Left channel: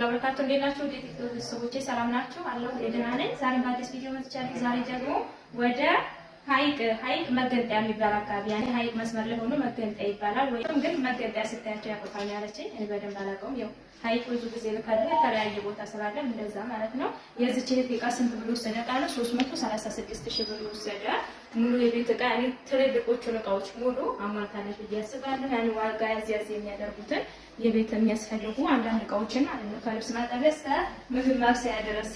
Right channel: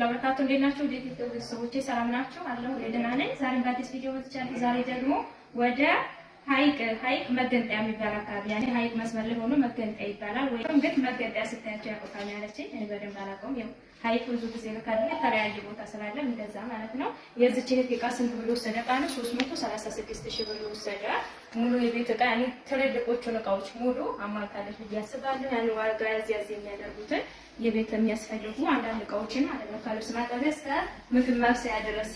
ወበረካቱ እንዴት ናችሁ? ቤተሰቦቼ ሰላም ናችሁ? አለሁ ደህና ነኝ። ዛሬ በአዲስ ቪዲዮ መጥቻለሁ። ዛሬ ደግሞ ወደ ሀይቅ መገንጠያ የሚባል አካባቢ ያኔ ሀይቅ መስመር ላይ ሆኖ መገንጠያ ይባላል። ወይም ግን መገንጠያ ስታያቸው ያውቁታል ያለችኝ እኔ በደንብ አላውቀውም። ያው ሀይቅ ብዙ ጊዜ ልካለ የተለያየ ቦታ ስላለ እንደዛ ማለት ነው። የዚች እህት ዕቃ ስንት ብሎ ወሰደ? ቃሉ 336,000 ብር ወሰደ። ሙሉ የቤት ዕቃ ያኔ ትልልቆቹን ዕቃዎች ሙሉ አሟልታለች ብዬ አስባለሁ። ያኔ ዋጋ ያዝ የሚያደርጉትን የቤት የሚያስፈልጉ አንዳንድ ዕቃዎችን ማለት ነው ከልብስ ማጠቢያ እስከ ምግብ ማብሰያ ድረስ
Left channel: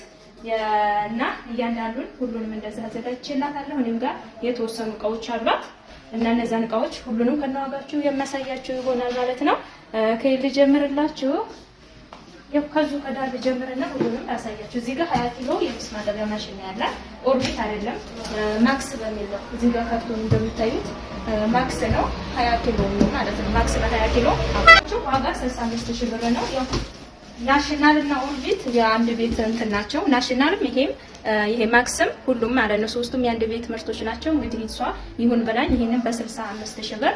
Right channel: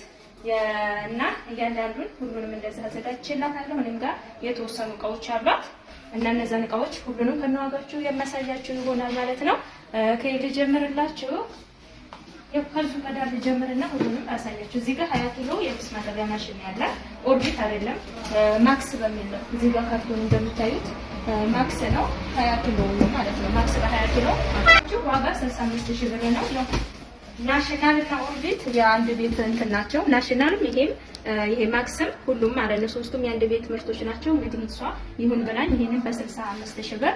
እና እያንዳንዱን ሁሉንም እንደዛ አዘጋጅቼላታለሁ። እኔም ጋር የተወሰኑ ዕቃዎች አሏት እና እነዛን ዕቃዎች ሁሉንም ከነዋጋችሁ የሚያሳያችሁ ይሆናል ማለት ነው። ከይል ጀምርላችሁ ከዚሁ ቀዳል ጀምርና ሁሉንም ያሳያችሁ። እዚህ ጋር 20 ኪሎ የልብስ ማጠቢያ ማሽን ያላት ኦርቢት አይደለም ማክስ በሚል ነው። እዚህ ጋር ካርቶን እንደምታዩት ማክስ ነው 20 ኪሎ ማለት ነው። ማክስ ለ20 ኪሎ ዋጋ 65,000 ብር ነው። ያው ናሽናል እና ኦርቢት የአንድ ቤት እንትን ናቸው። ናሽናልም ይሄ ማክስም ሁሉም ማለት ነው ሶስቱም የአንድ ቤት ምርቶች ናቸው። እንግዲህ እሷ ይሁን ብላኝ ይሄንን በ65,000 ብር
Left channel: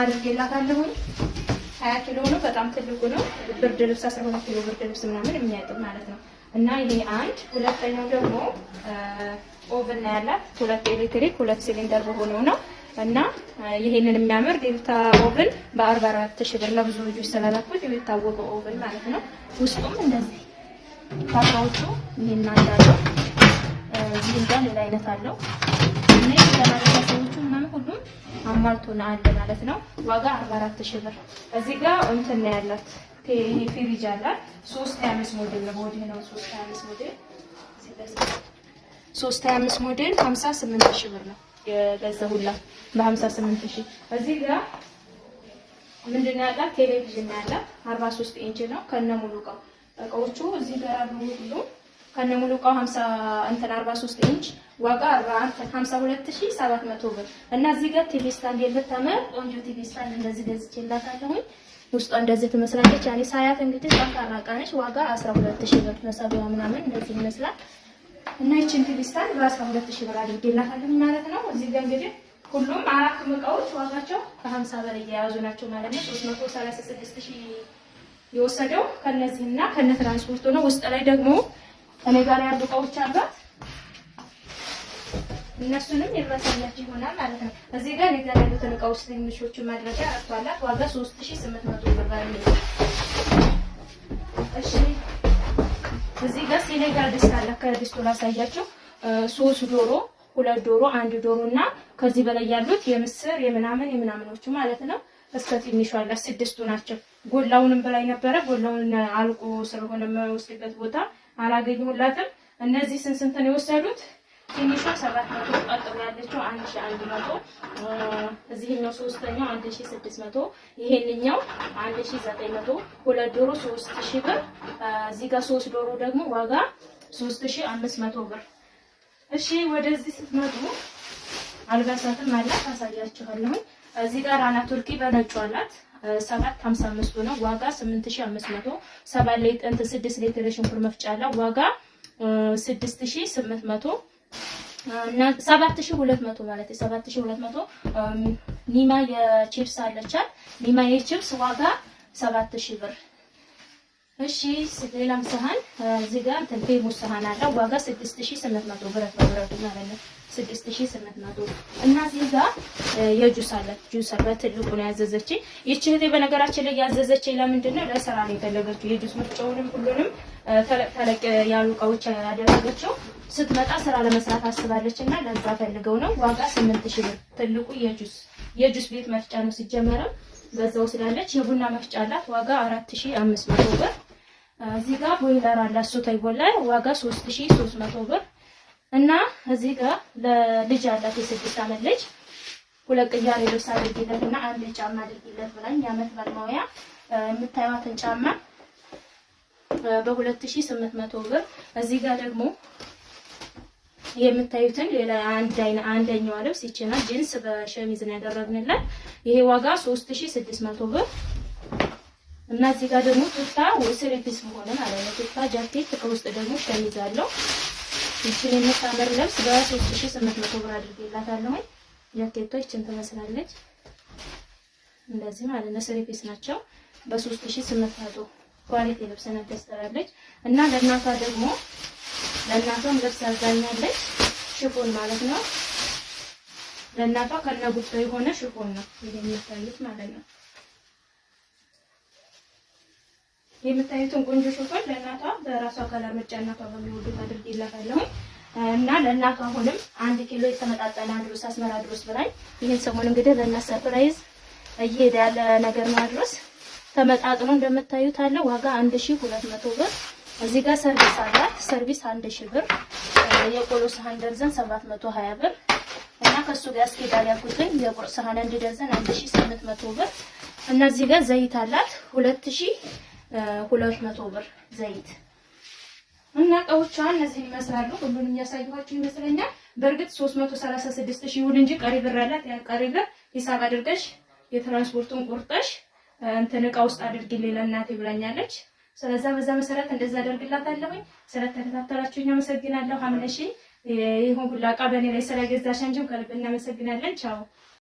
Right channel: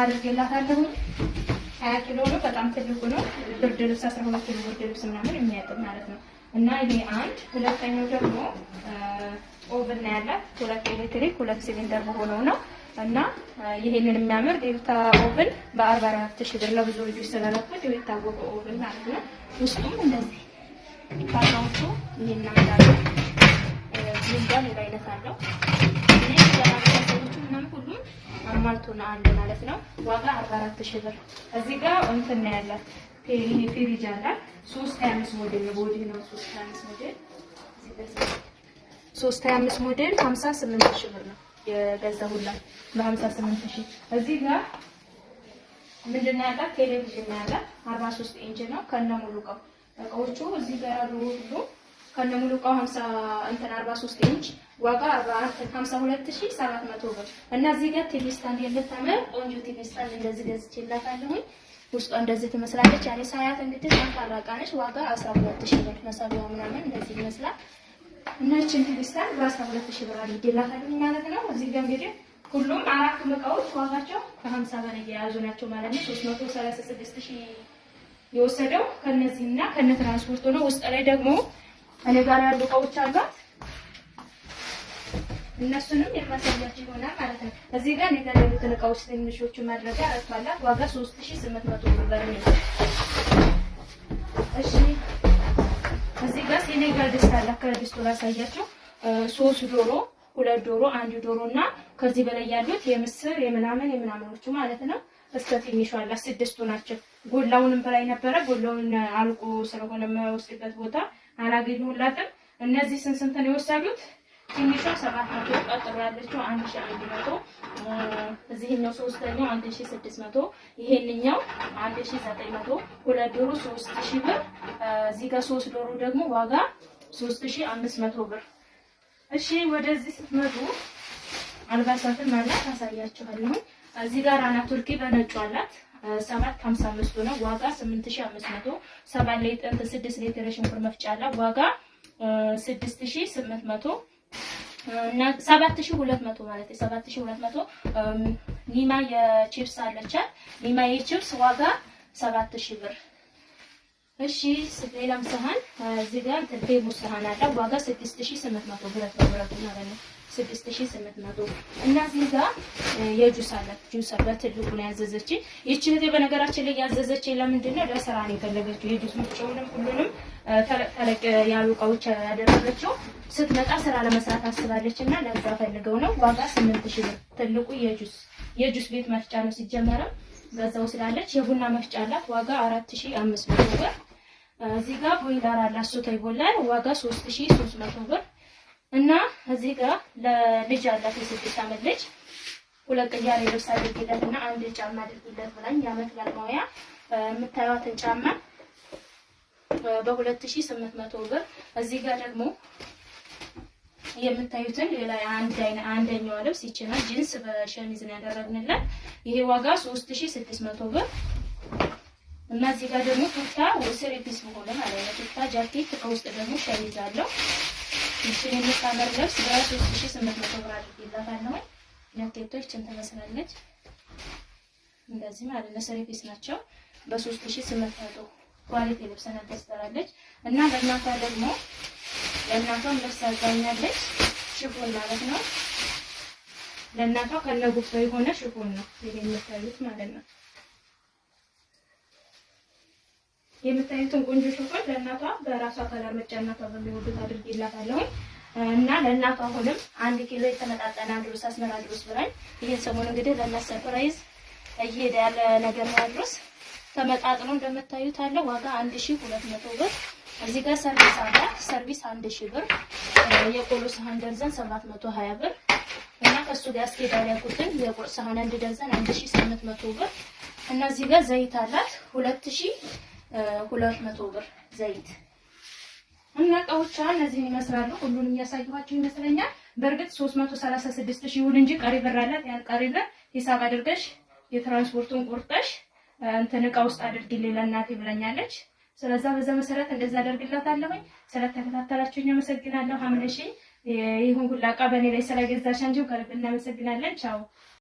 አድርጌላታለሁ። 20 ኪሎ ነው፣ በጣም ትልቁ ነው። ብርድ ልብስ 12 ኪሎ ብርድ ልብስ ምናምን የሚያጥብ ማለት ነው። እና ይሄ አንድ ሁለተኛው ደግሞ ኦቨን ነው ያላት 2 ኤሌክትሪክ 2 ሲሊንደር በሆነው ነው። እና ይሄንን የሚያምር ዴልታ ኦቨን በ44,000 ብር ለብዙ ልጆች ስለለኩት የሚታወቀው ኦቨን ማለት ነው። ውስጡም እንደዚህ ታውቃችሁ ይሄን አለው ሊንዳል ሌላ አይነት አለው። እኔ ለራሳችሁ ምናምን ሁሉ አሟልቶና አለ ማለት ነው። ዋጋ 44,000 ብር። እዚህ ጋር እንትን ነው ያላት ይሄ ፍሪጅ አላት 325 ሞዴል ነው። ቦዲ ነው 325 ሞዴል 325 ሞዴል 58,000 ብር ነው የገዛሁላት በ58,000። እዚህ ጋር ምንድነው ያላት ቴሌቪዥን ያላት 43 ኢንች ነው ከነሙሉ እቃዎቹ እዚህ ጋር አሉ ሁሉ ከነሙሉ እቃው 43 ኢንች ዋጋ 52,700 ብር። እና እዚህ ጋር ቲቪ ስታንድ የምታምር ቆንጆ ቲቪ ስታንድ እንደዚህ ገዝቼላታለሁ። ውስጧ እንደዚህ ትመስላለች። ያኔ ሳያት እንግዲህ ጠንካራ ዕቃ ነች። ዋጋ 12,000 ብር መሳቢያው ምናምን እንደዚህ ይመስላል። እና እቺን ቲቪ ስታንድ በ12,000 ብር አድርጌላታለሁ ማለት ነው። እዚህ ጋር እንግዲህ ሁሉም አራት ዕቃዎች ዋጋቸው ከ50 በላይ የያዙ ናቸው ማለት ነው። 336,000 የወሰደው ከነዚህና ከነ ትራንስፖርት ነው። ውስጥ ላይ ደግሞ እኔ ጋር ያሉ ዕቃዎች አሏት። እነሱንም የማሳያችሁ ይሆናል ማለት ነው። እዚህ ጋር እኔ ጋር ያሉትን ዕቃዎች ትንሾቹ ማድረጊያ አጥቷላት ዋጋ 3,800 ብር ነው። እሺ እዚህ ጋር ሴኔጋል ድስት አለ። ከድስቱ ላሳያችሁ 3 ዶሮ 2 ዶሮ 1 ዶሮ እና ከዚህ በላይ ያሉት የምስር የምናምኖቹ ማለት ነው። እስከ ትንሹ አለ 6ቱ ናቸው። ጎላውንም በላይ ነበረ። ጎላውን አልቆ ስለሆነ የማይወስድበት ቦታ አላገኘሁላትም። እነዚህ ስንት ነው የወሰዱት? ትንሿ 700፣ ቀጥሎ ያለችው 1,100፣ እዚህኛው ሶስተኛው 1,600፣ ይሄንኛው 1,900፣ 2 ዶሮ 3,000 ብር። እዚህ ጋር 3 ዶሮ ደግሞ ዋጋ 3,500 ብር። እሺ ወደዚህ ስትመጡ አልባሳትን ማለት አሳያችኋለሁ። እዚህ ጋር አና ቱርኪ በነጩ አላት 755 ነው ዋጋ 8,500። 7 ሊትር 6 ሊትር ሽንኩርት መፍጫ አላት ዋጋ 6,800 እና 7,200 ማለት 7,200። ኒማ የቺፕስ አለቻት። ኒማ የቺፕስ ዋጋ 7,000 ብር። እሺ ሌላም ሰሃን እዚህ ጋር ቴሌቪዥን ሰሃን አለ ዋጋ 6,800 ብር ማለት ነው 6,800። እና እዚህ ጋር የጁስ አላት። ጁስ በትልቁ ነው ያዘዘችኝ። ይቺ እህቴ በነገራችን ላይ ያዘዘችኝ ለምንድን ነው? ለስራ ነው የፈለገችው። የጁስ መፍጫውንም ሁሉንም ተለቅ ያሉ ዕቃዎች ያደረገችው ስትመጣ ስራ ለመስራት አስባለች እና ለዛ ፈልገው ነው። ዋጋ 8,000 ብር። ትልቁ የጁስ ቤት መፍጫ ነው ሲጀመርም በዛው ስላለች። የቡና መፍጫ አላት ዋጋ 4,500 ብር። እዚህ ጋር ቦይለር አላት ሶታይ ቦይለር ዋጋ 3,300 ብር። እና እዚህ ጋር ለልጅ አላት የ6 ዓመት ልጅ 2 ቅያሬ ልብስ አድርጊለት እና 1 ጫማ አድርጊለት ብላኝ የዓመት ባልማያ የምታዩትን ጫማ በ2,800 ብር። እዚህ ጋር ደግሞ የምታዩትን ሌላ አንደኛው ልብስ ይችላል ጂንስ በሸሚዝ ነው ያደረግንለት። ይሄ ዋጋ 3,600 ብር። እና እዚህ ጋር ደግሞ ቱታ ወስሪ ፒስ ሆነ ማለት ነው። ቱታ ጃኬት ከውስጥ ደግሞ ሸሚዝ አለው። ይችላል የምታምር ልብስ በ3,800 ብር አድርጌላታለሁ። ጃኬቷ ይችን ትመስላለች እንደዚህ ማለት ነው። ሰሪ ፒስ ናቸው በ3,800 ኳሊቲ ልብስ ነው ተስተራለች እና ለእናቷ ደግሞ ለእናቷም ልብስ አዛኛለች ሽፎን ማለት ነው። ለእናቷ ከነጉፍቶ የሆነ ሽፎን ነው የምታዩት ማለት ነው። የምታዩትን ቆንጆ ሽፎን ለእናቷ በራሷ ከለር ምርጫ እናቷ በሚወዱት አድርጌላታለሁ እና ለእናቷ አሁንም 1 ኪሎ የተመጣጠነ ድሩስ አስመራ ድሩስ ብላኝ ይሄን ሰሞን እንግዲህ ለእናት ሰርፕራይዝ እየሄደ ያለ ነገር ነው። ድሩስ ተመጣጥኖ እንደምታዩት አለ ዋጋ 1200 ብር። እዚህ ጋር ሰርቪስ አለ። ሰርቪስ 1000 ብር። የቆሎ ሰሃን ደርዘን 720 ብር እና ከሱ ጋር አስኬዳል ያልኩትን የቁርስ ሰሃን አንድ ደርዘን 1800 ብር እና እዚህ ጋር ዘይት አላት 2200 ብር ዘይት እና እቃዎቿን እነዚህ ይመስላሉ። ሁሉንም እያሳየኋችሁ ይመስለኛል። በእርግጥ 336 ሺህ ይሁን እንጂ ቀሪ ብር አላት። ያ ቀሪ ብር ሂሳብ አድርገሽ የትራንስፖርቱን ቁርጠሽ እንትን እቃ ውስጥ አድርጊልኝ ለእናቴ ብላኛለች። ስለዚህ በዛ መሰረት እንደዛ አደርግላታለሁኝ። ስለተከታተላችሁኝ አመሰግናለሁ። ሀምነሽ ይሁን ሁላ እቃ በእኔ ላይ ስለገዛሽ አንቺም ከልብ እናመሰግናለን። ቻው